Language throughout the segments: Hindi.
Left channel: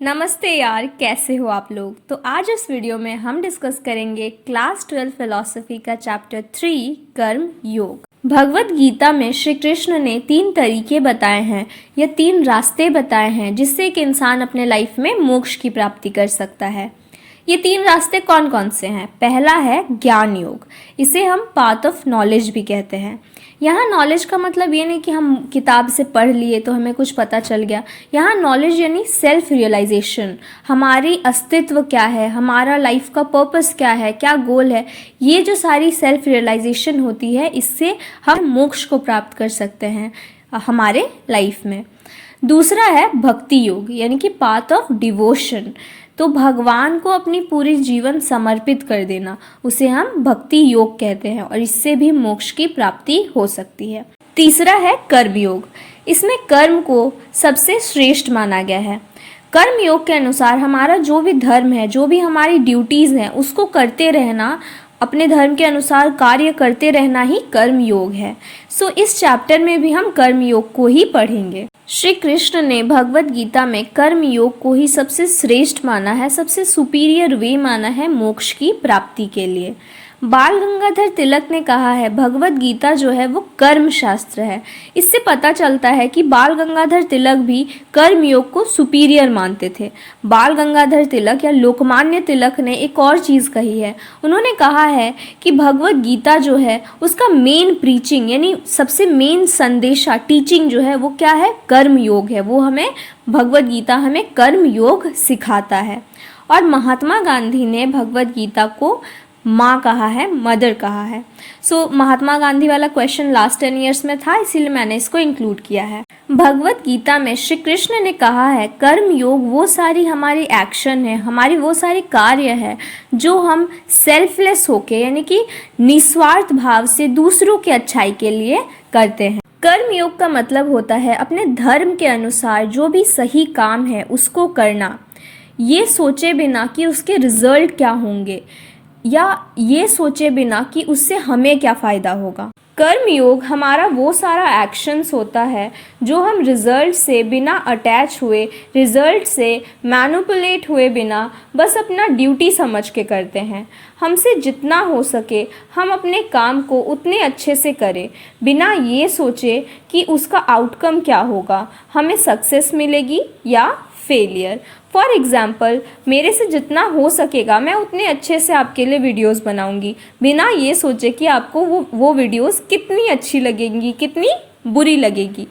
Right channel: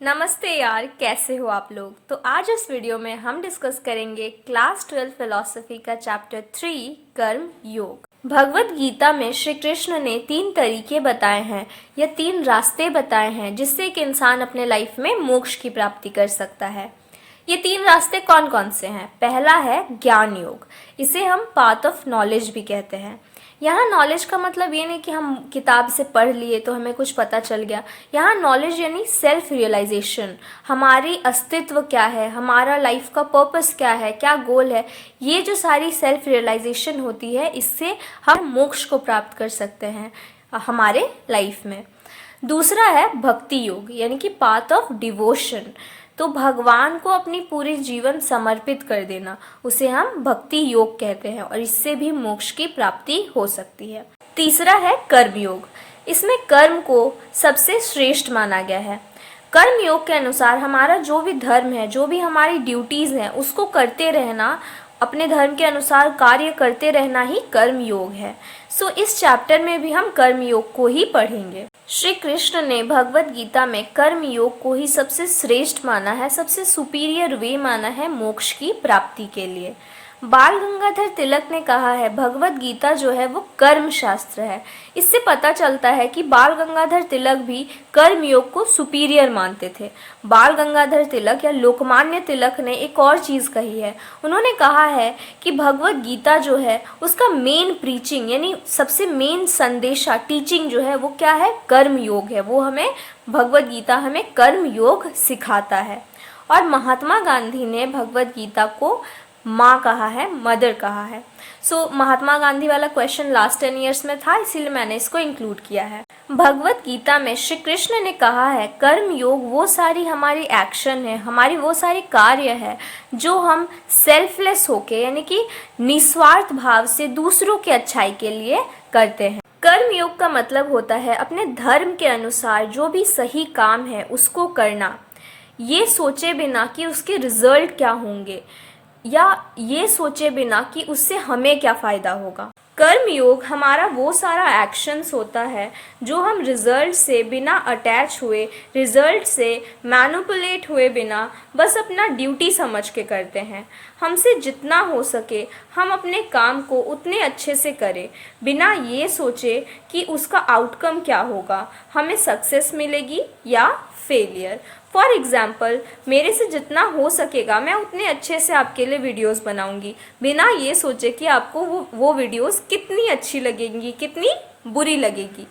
नमस्ते यार, कैसे हो आप लोग। तो आज इस वीडियो में हम डिस्कस करेंगे क्लास 12 फिलॉसफी का चैप्टर 3 कर्म योग। भगवत गीता में श्री कृष्ण ने 3 तरीके बताए हैं या 3 रास्ते बताए हैं जिससे एक इंसान अपने लाइफ में मोक्ष की प्राप्ति कर सकता है। ये 3 रास्ते कौन कौन से हैं? पहला है ज्ञान योग, इसे हम पाथ ऑफ नॉलेज भी कहते हैं। यहाँ नॉलेज का मतलब ये नहीं कि हम किताब से पढ़ लिए तो हमें कुछ पता चल गया। यहाँ नॉलेज यानी सेल्फ रियलाइजेशन, हमारी अस्तित्व क्या है, हमारा लाइफ का पर्पस क्या है, क्या गोल है, ये जो सारी सेल्फ रियलाइजेशन होती है, इससे हम मोक्ष को प्राप्त कर सकते हैं हमारे लाइफ में। दूसरा है भक्ति योग यानी कि पाथ ऑफ डिवोशन, तो भगवान को अपनी पूरी जीवन समर्पित कर देना, उसे हम भक्ति योग कहते हैं और इससे भी मोक्ष की प्राप्ति हो सकती है। तीसरा है कर्म योग, इसमें कर्म को सबसे श्रेष्ठ माना गया है। कर्म योग के अनुसार हमारा जो भी धर्म है, जो भी हमारी ड्यूटीज हैं, उसको करते रहना, अपने धर्म के अनुसार कार्य करते रहना ही कर्म योग है। सो इस चैप्टर में भी हम कर्म योग को ही पढ़ेंगे। श्री कृष्ण ने भगवत गीता में कर्म योग को ही सबसे श्रेष्ठ माना है, सबसे सुपीरियर वे माना है मोक्ष की प्राप्ति के लिए। बाल गंगाधर तिलक ने कहा है भगवत गीता जो है वो कर्म शास्त्र है। इससे पता चलता है कि बाल गंगाधर तिलक भी कर्म योग को सुपीरियर मानते थे। बाल गंगाधर तिलक या लोकमान्य तिलक ने एक और चीज कही है, उन्होंने कहा है कि भगवत गीता जो है उसका मेन प्रीचिंग यानी सबसे मेन संदेशा टीचिंग जो है वो क्या है, कर्म योग है। वो हमें भगवत गीता हमें कर्म योग सिखाता है। और महात्मा गांधी ने भगवत गीता को माँ कहा है, मदर कहा है। सो महात्मा गांधी वाला क्वेश्चन लास्ट 10 इयर्स में था, इसीलिए मैंने इसको इंक्लूड किया है। भगवत गीता में श्री कृष्ण ने कहा है कर्म योग वो सारी हमारी एक्शन है, हमारी वो सारी कार्य है जो हम सेल्फलेस होके यानी कि निस्वार्थ भाव से दूसरों के अच्छाई के लिए करते हैं। कर्म योग का मतलब होता है अपने धर्म के अनुसार जो भी सही काम है उसको करना, ये सोचे बिना कि उसके रिजल्ट क्या होंगे या ये सोचे बिना कि उससे हमें क्या फ़ायदा होगा। कर्म योग हमारा वो सारा एक्शंस होता है जो हम रिजल्ट से बिना अटैच हुए, रिजल्ट से मैनिपुलेट हुए बिना बस अपना ड्यूटी समझ के करते हैं। हमसे जितना हो सके हम अपने काम को उतने अच्छे से करें बिना ये सोचे कि उसका आउटकम क्या होगा, हमें सक्सेस मिलेगी या फेलियर। फॉर एग्जाम्पल, मेरे से जितना हो सकेगा मैं उतने अच्छे से आपके लिए वीडियोस बनाऊंगी बिना ये सोचे कि आपको वो वीडियोस कितनी अच्छी लगेंगी, कितनी बुरी लगेगी।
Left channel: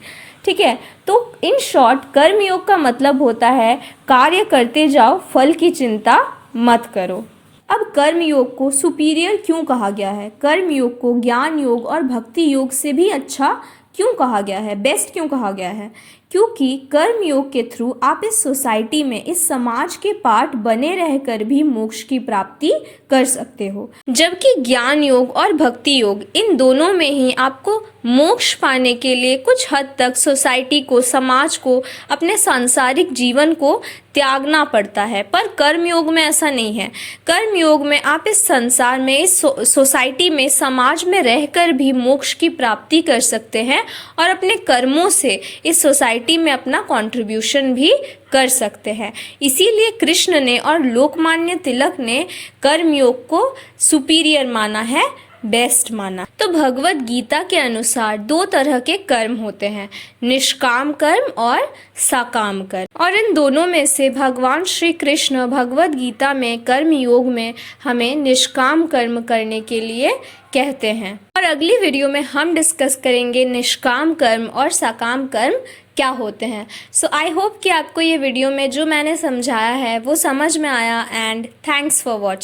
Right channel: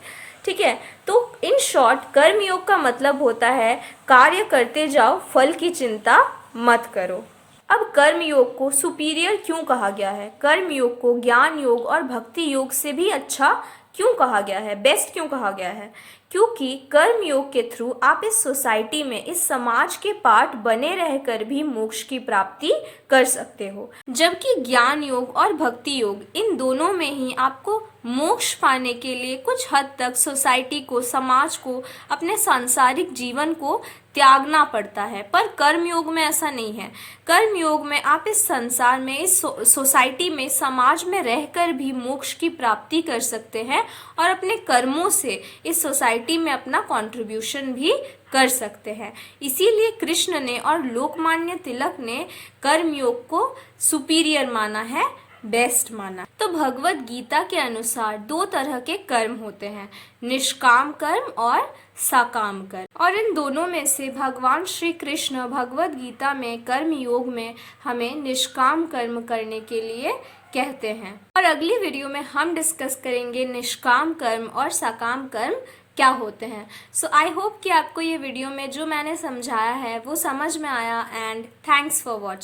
ठीक है, तो इन शॉर्ट कर्म योग का मतलब होता है कार्य करते जाओ, फल की चिंता मत करो। अब कर्म योग को सुपीरियर क्यों कहा गया है, कर्म योग को ज्ञान योग और भक्ति योग से भी अच्छा क्यों कहा गया है, बेस्ट क्यों कहा गया है? क्योंकि कर्म योग के थ्रू आप इस सोसाइटी में, इस समाज के पार्ट बने रहकर भी मोक्ष की प्राप्ति कर सकते हो, जबकि ज्ञान योग और भक्ति योग इन दोनों में ही आपको मोक्ष पाने के लिए कुछ हद तक सोसाइटी को, समाज को, अपने सांसारिक जीवन को त्यागना पड़ता है। पर कर्म योग में ऐसा नहीं है। कर्म योग में आप इस संसार में, इस सोसाइटी में, समाज में रहकर भी मोक्ष की प्राप्ति कर सकते हैं और अपने कर्मों से इस सोसाइटी में अपना कंट्रीब्यूशन भी कर सकते हैं। इसीलिए कृष्ण ने और लोकमान्य तिलक ने कर्म योग को सुपीरियर माना है, बेस्ट माना। तो भगवत गीता के अनुसार 2 तरह के कर्म होते हैं, निष्काम कर्म और सकाम कर्म। और इन दोनों में से भगवान श्री कृष्ण भगवत गीता में कर्म योग में हमें निष्काम कर्म करने के लिए कहते हैं। और अगली वीडियो में हम डिस्कस करेंगे निष्काम कर्म और सकाम कर्म क्या होते हैं। सो आई होप कि आपको ये वीडियो में जो मैंने समझाया है वो समझ में आया। And thanks for watching.